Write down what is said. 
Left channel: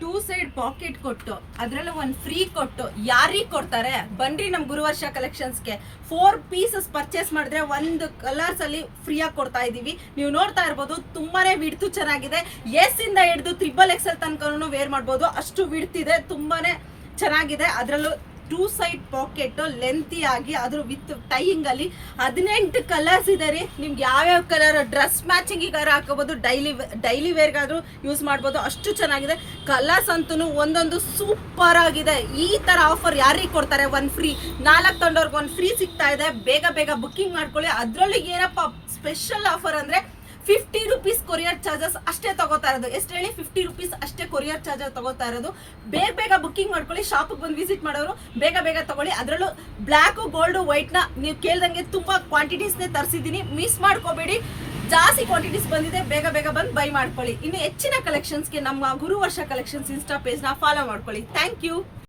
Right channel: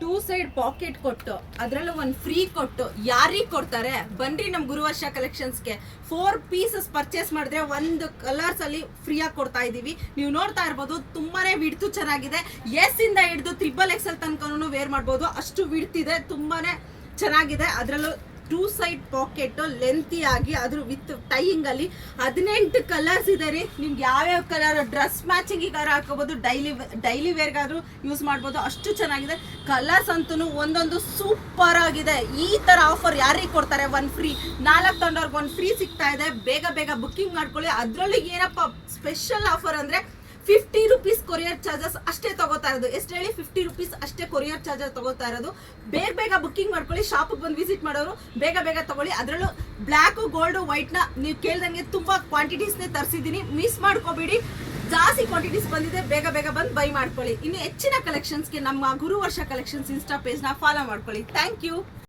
2 side packet ಕೊಟ್ಟು ಅದ್ರಲ್ಲೂ ಒಂದು ಫ್ರೀ ಕೊಟ್ಟು ಯಾರಿಗೆ ಕೊಡ್ತಾರೆ? ಬನ್ರಿ ನಮ್ಮ ಗುರುವರ್ಷ ಕಲೆಕ್ಷನ್ಸ್ಗೆ. 4 ಪೀಸಸ್ ಪರ್ಚೇಸ್ ಮಾಡಿದ್ರೆ ಒಂದು ಕಲರ್ಸ್ ಅಲ್ಲಿ ಫ್ರೀ ಆಗಿ ಕೊಡ್ತಾ ಇದೀವಿ. ನೀವು ನೋಡ್ತಾ ಇರ್ಬೋದು, ತುಂಬಾನೇ ವಿಡ್ತು ಚೆನ್ನಾಗಿದೆ. ಎಸ್ ಇಂದ ಹಿಡಿದು XXL ತನಕನೂ ವೇರ್ ಮಾಡ್ಬೋದು, ಅಷ್ಟು ವಿಡ್ತ್ ಇದೆ, ತುಂಬಾನೇ ಚೆನ್ನಾಗಿದೆ. ಅದರಲ್ಲೂ 2 ಸೈಡ್ ಪಾಕೆಟ್ ಲೆಂತಿ ಆಗಿ ಅದ್ರ ವಿತ್ ಟೈಯಿಂಗ್ ಅಲ್ಲಿ 18 ಕಲರ್ಸ್ ಇದೆ ರೀ. ನಿಮ್ಗೆ ಯಾವ್ಯಾವ ಕಲರ್ ಡ್ರೆಸ್ ಮ್ಯಾಚಿಂಗಿಗಾರ ಹಾಕೋಬಹುದು, ಡೈಲಿ ವೇರ್ಗಾದ್ರೂ ಯೂಸ್ ಮಾಡ್ಬೋದು, ಅಷ್ಟು ಚೆನ್ನಾಗಿದೆ. ಕಲರ್ಸ್ ಅಂತೂ ಒಂದೊಂದು ಸೂಪರ್ ಆಗಿದೆ. ಈ ತರ ಆಫರ್ ಯಾರಿಗೆ ಕೊಡ್ತಾರೆ? 1 ಫ್ರೀ, 4 ತಗೊಂಡವ್ರಿಗೆ 1 ಫ್ರೀ ಸಿಗ್ತಾ ಇದೆ. ಬೇಗ ಬೇಗ ಬುಕ್ಕಿಂಗ್ ಮಾಡ್ಕೊಳ್ಳಿ. ಅದ್ರಲ್ಲಿ ಏನಪ್ಪ ಸ್ಪೆಷಲ್ ಆಫರ್ ಅಂದ್ರೆ 50 ರೂಪೀಸ್ ಕೊರಿಯರ್ ಚಾರ್ಜಸ್ ಅಷ್ಟೇ ತಗೋತಾ ಇರೋದು. ಎಷ್ಟು ಹೇಳಿ? 50 ರೂಪೀಸ್ ಅಷ್ಟೇ ಕೊರಿಯರ್ ಚಾರ್ಜಸ್ ತಗೋತಾ ಇರೋದು. ಬೇಗ ಬುಕ್ಕಿಂಗ್ ಮಾಡ್ಕೊಳ್ಳಿ. ಶಾಪಿಗೆ ಬಂದು ವಿಸಿಟ್ ಮಾಡೋರು ಬೇಗ ತಗೊಳ್ಳಿ. ಅದರಲ್ಲೂ ಬ್ಲ್ಯಾಕ್, ಗೋಲ್ಡ್, ವೈಟ್ ನ ನೀವು ಕೇಳ್ದಂಗೆ ತುಂಬಾ ಕ್ವಾಂಟಿಟೀಸ್ನೇ ತರಿಸಿದ್ದೀನಿ. ಮಿಸ್ ಮಾಡ್ಕೋಬೇಡಿ, ಜಾಸ್ತಿ ಕ್ವಾಂಟಿಟೀಸ್ ಬಂದಿದೆ. ಬೇಗ ಬಂದು ಬೈ ಮಾಡ್ಕೊಳ್ಳಿ. ಇನ್ನು ಹೆಚ್ಚಿನ ಕಲೆಕ್ಷನ್ಸ್ಗೆ ನಮ್ಮ ಗುರುವರ್ಷ ಕಲೆಕ್ಷನ್ಸ್ ಇನ್ಸ್ಟಾ ಪೇಜ್ನ ಫಾಲೋ ಮಾಡ್ಕೊಳ್ಳಿ. Thank you.